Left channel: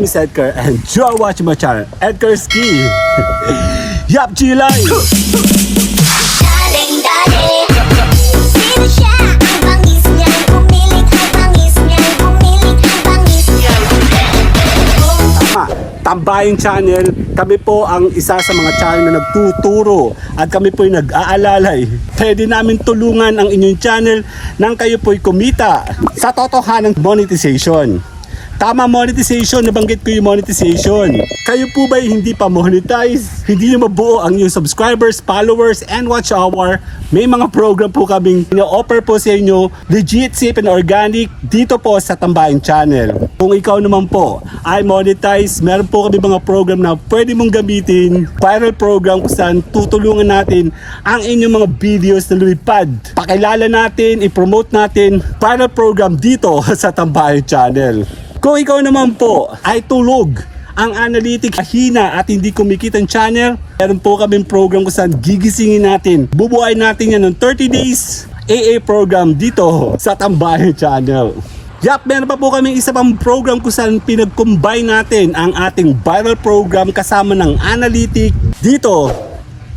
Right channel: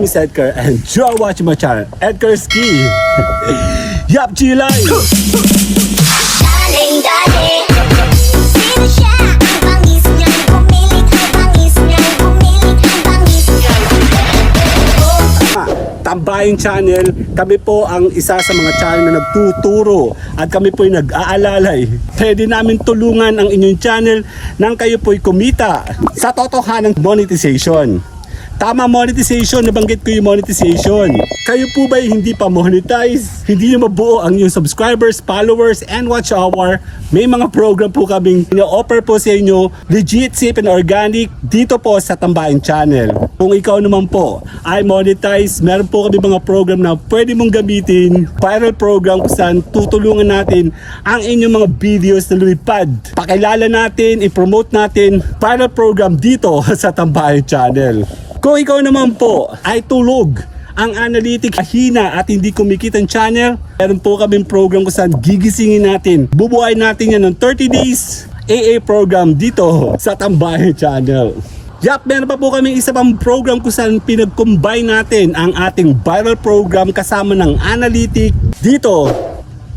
name is Edgar and you are watching my channel, Edgar Ski. Yup, Chilay! Daling daling, sino siya? Ang bangis niya'y pumilit, ang bangis niya'y pumilit, ang bangis niya'y Tambayang Channel, kami po ang isa sa mga channel na nagtuturo at kami po'y nag-aalalay. Pwede namin tulungan ang inyong channel nang kayo po'y kumita sa totohanang monetization. Tama, monetization, nabanggit ko yung monetization. Kayo po ba hindi pa monetize? Hindi nyo mabuo ang inyong subscribers, followers, and watch hour? May mga program po kaming ina-offer po sa inyo, legit, safe, and organic dito po sa Tambayang Channel. Kung ikaw naman po ay monetize, meron po kami mga program na pwede mong gamitin, viral program kung saan tutulungan natin ang inyong mga videos na lumipad. Pakilala natin, i-promote natin viral program dito sa Tambayang Channel. Kung ikaw naman po ay tulog, ang analytics hina at hindi kumikita ang channel, meron po kaming program kung saan gigisingin natin. Bubuhay natin yan ng 30 days AA program dito sa Tambayang Channel. Yup, meron pa po kaming isa pang program kung saan pinag-combine natin ang ating viral program kasama ng analytics dito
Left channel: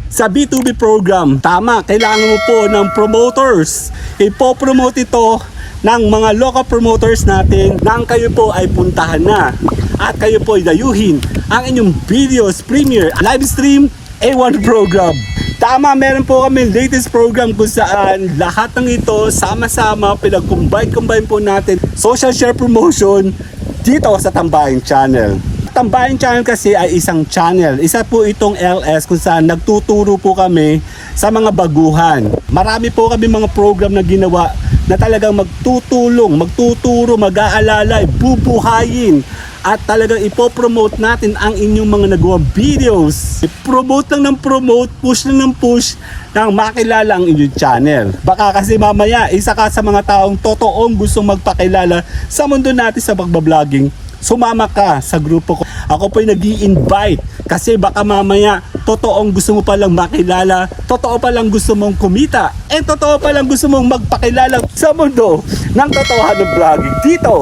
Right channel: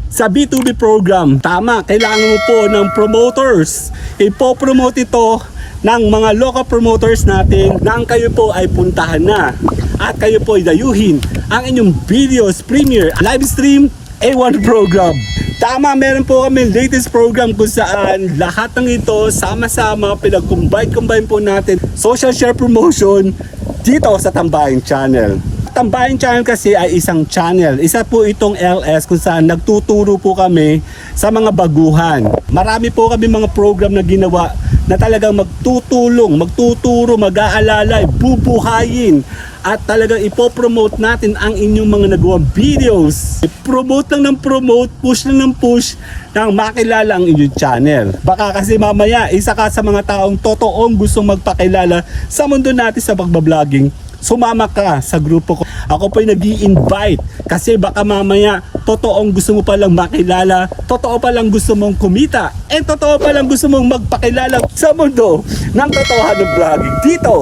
sa B2B program. Tama, kailangan mo po ng promoters. Ipo-promote ito ng mga local promoters natin nang kayo po ay puntahan na at kayo po ay dayuhin ang inyong videos, premiere, live stream, A1 program. Tama, meron po kami latest program kung saan lahat ng ito sama-sama pinag-combine po natin social share promotion dito sa Tambayang Channel. Tambayang Channel kasi ay isang channel. Isa po itong LS kung saan nagtuturo po kami sa mga baguhan. Marami po kami mga program na ginawa na talagang magtutulong, magtuturo, mag-aalalay, bubuhayin at talagang ipopromote natin ang inyong mga nagawa videos. Promote lang ng promote, push lang ng push nang makilala ang inyong channel. Baka kasi mamaya isa ka sa mga taong totoong gustong magpakilala sa mundo natin sa pagbabloging. Sumama ka sa grupo ko. Ako po'y nag-i-invite kasi baka mamaya totoong gusto mo palang makilala, totoo palang gusto mong kumita, totoo palang gusto mong magpakilala sa mundo ng totohanang vlogging dito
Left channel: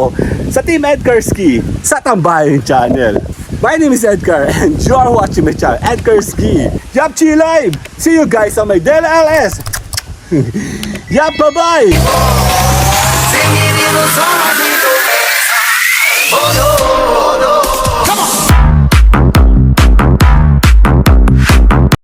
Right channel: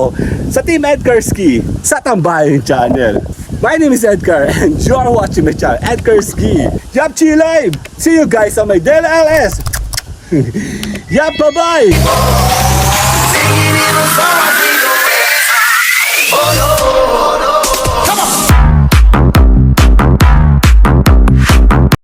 sa Team Edgar Ski sa Tambayang Channel. My name is Edgar and you are watching my channel, Edgar Ski. Yup, Chilay! See you guys on my Del LS! Yup, bye-bye! Oh no!